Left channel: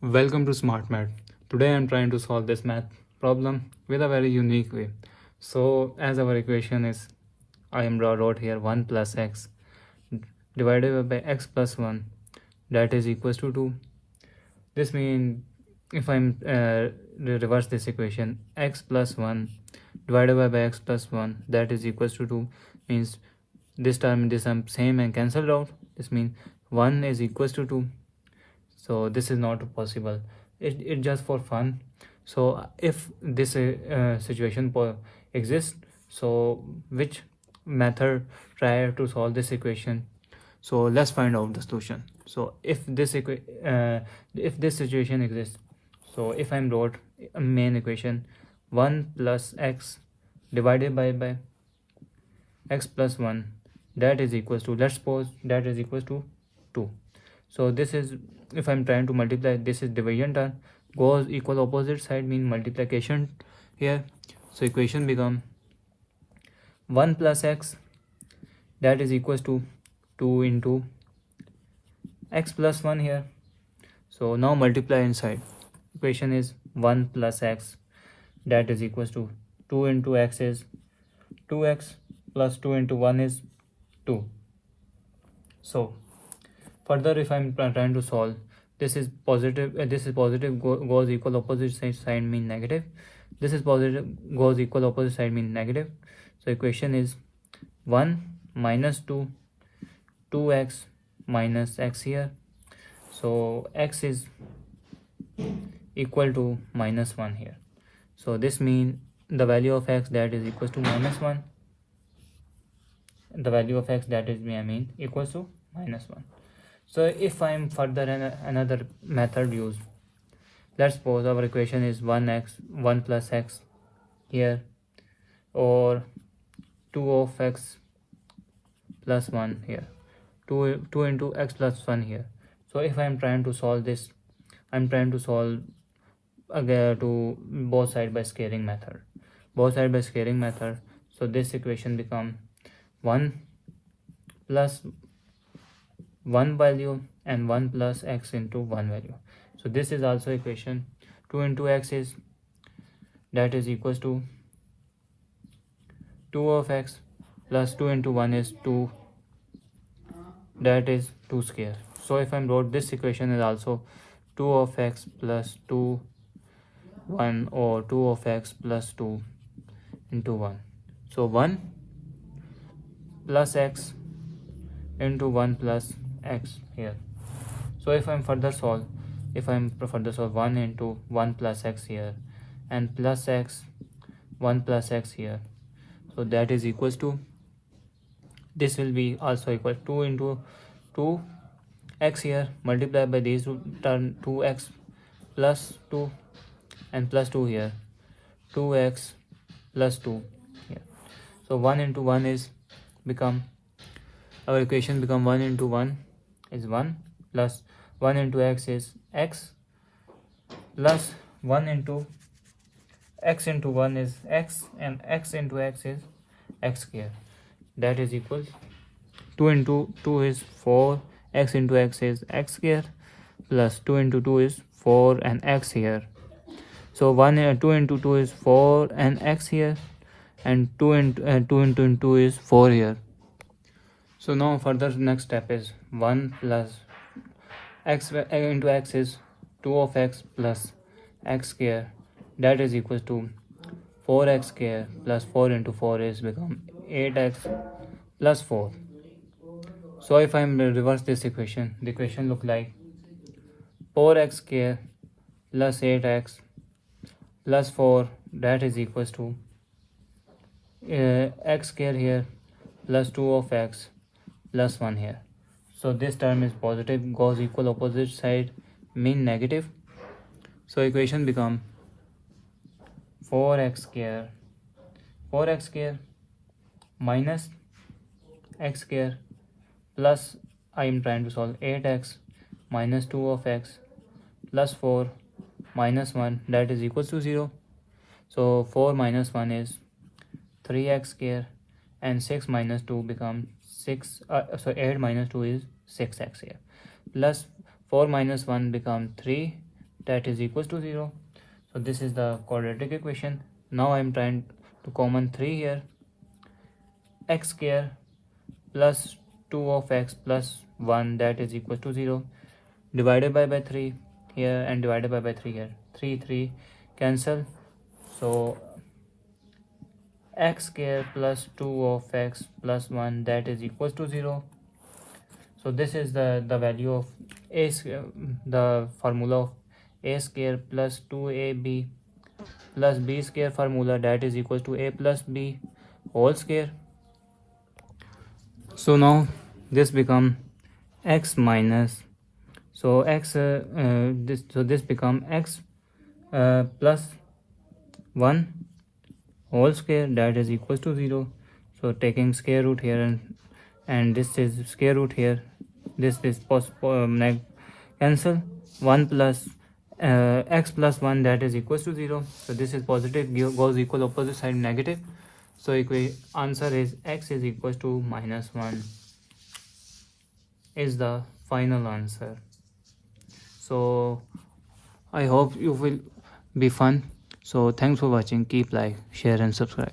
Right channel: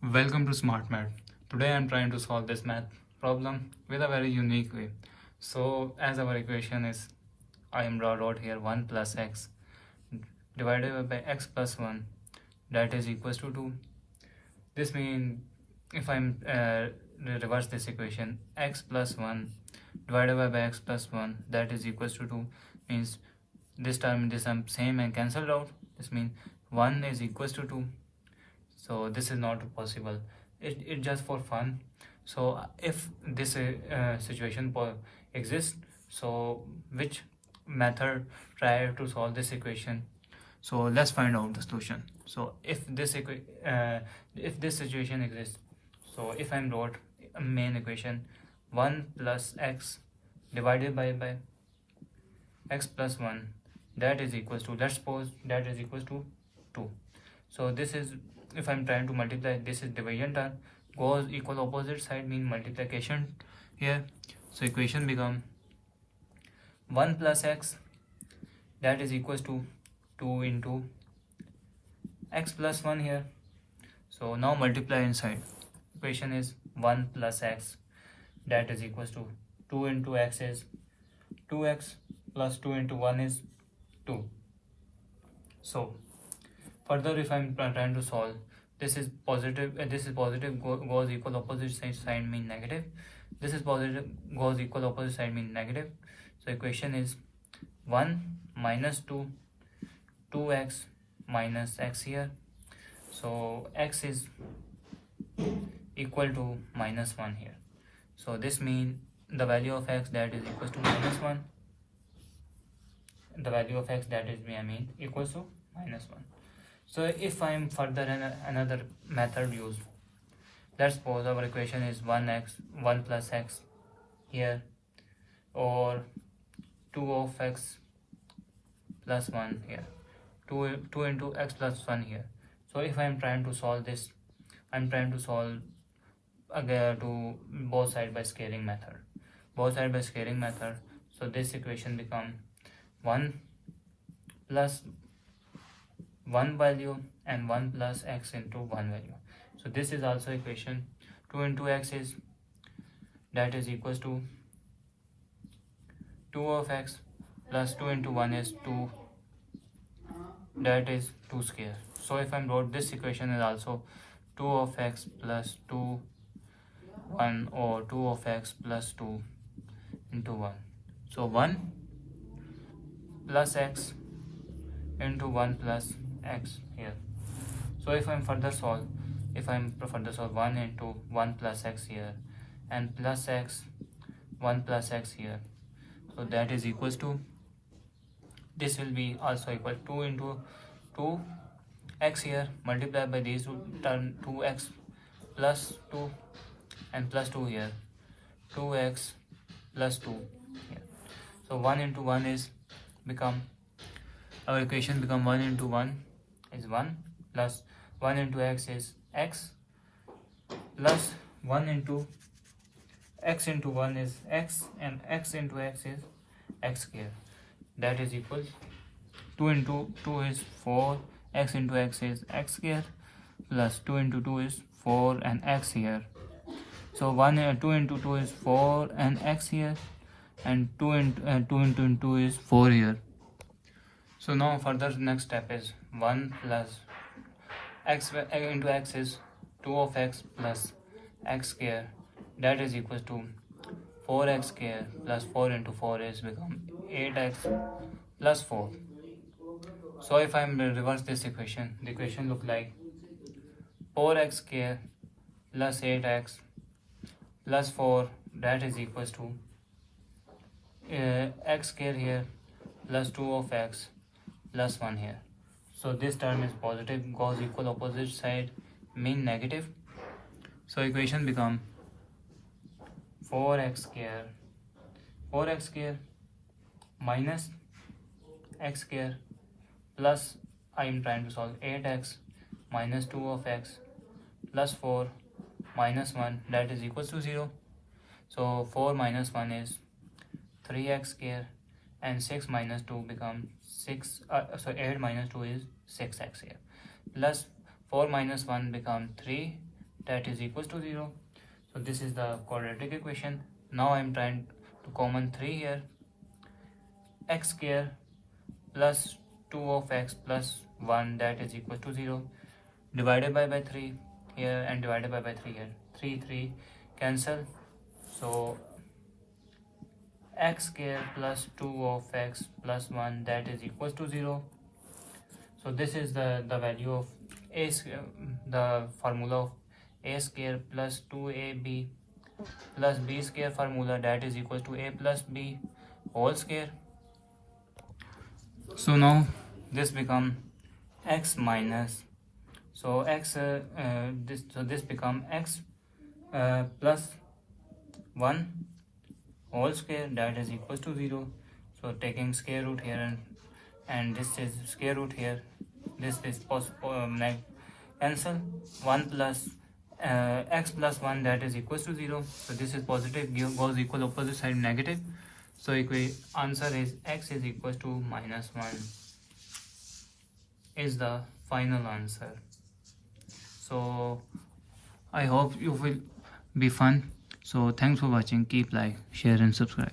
Welcome to Smart Math. Today I am trying to solve this math problem with a very unique way. So as our equation is, I am wrote here 1 plus x divided by x plus 1, that is equals to 2. This means if I'm reverse this equation, x plus 1 divided by x plus 1, that is equals to 2, means this term same and cancelled out. This means 1 is equals to 2. So this is not possible. It just for fun. So if this situation exists, so which method try to solve this equation? So let's find out the solution. So if this situation exists, so if I'm wrote a main equation 1 plus x divided by x plus 1, that is equals to, let's suppose that is equals to 2. So this is, if I'm trying to multiply, this is division term, goes equal opposite side mean multiplication here. So equation become 1 plus x, that is equals to 2 into x plus 1 here. So now multiply inside. Equation is 1 plus x, that is equals to 2 into x is 2x plus 2 into 1 is 2. So further, if I'm trying to solve, this is positive, goes equal opposite side mean negative. This is positive, goes equal opposite side mean negative. So equation is 1 minus 2, 2x minus x here. So x is equal to minus 1 here. So this means the value of x, that is equals to minus 1. The value of x, that is equals to minus 1. So if I'm further another method used, let's suppose our equation is 1 plus x here, or 2 of x plus 1 here, 2 into x plus 1 here. So if I'm trying to solve this, I'm trying to solve again to both side by scaling method. So this equation become 1 plus 1 value and 1 plus x into 1 value. So this is also equation 2 into x is, that is equals to 2 of x plus 2 into 1 is 2, that is 2 square. So if I wrote this equation is also 2 of x plus 2 1, or 2 of x plus 2 into 1. So 1 plus x into 1 plus x here. So if I'm further solve 1 into 1 plus x here and plus x 1 plus x here, so that is equals to, this will be also equal 2 into 2 x here, multiplied by these turn 2x plus 2 and plus 2 here, 2x plus 2 here. So 1 into 1 is become, our equation become 1 into 1 is 1, plus 1 into x is x, plus 1 into x into 1 is x, and x into x is x square, that is equal 2 into 2 is 4, x into x is x square, plus 2 into 2 is 4 and x here. So 2 into 2 is 4 and x here, and 2 into 2 is 4 here. So now further next step is 1 plus x into x is 2 of x plus x square, that is equals to 4x square plus 4 into 4 is become 8x plus 4. So if I reverse this equation, the equation look like 4x square plus 8x plus 4, that is equals to x square here plus 2 of x plus 1 here. So this term is positive, goes equal opposite side mean negative. So equation become 4x square minus x square plus, I am trying to solve 8x minus 2 of x plus 4 minus 1, that is equals to 0. So 4 minus 1 is 3x square, and 6 minus 2 become 6, so 8 minus 2 is 6x here, plus 4 minus 1 become 3, that is equals to 0. So this is the quadratic equation. Now I am trying to common 3 here. X square plus 2 of x plus 1 that is equals to 0. Divided by 3 here and divided by 3 here. 3 cancel. So x square plus 2 of x plus 1 that is equals to 0. So this is the value of a, the formula of a square plus 2ab plus b square formula that is equals to a plus b whole square. So now this become x minus, so x this become x plus 1 whole square that is equals to 0. So taking square root here and this is square root here, this cancel. 1 plus x plus 1 that is equals to 0. So this is positive, goes equal, opposite side negative. So answer is x is equals to minus 1 is the final answer. So I hope you will be fun. So thanks for watching. Keep like, share and subscribe.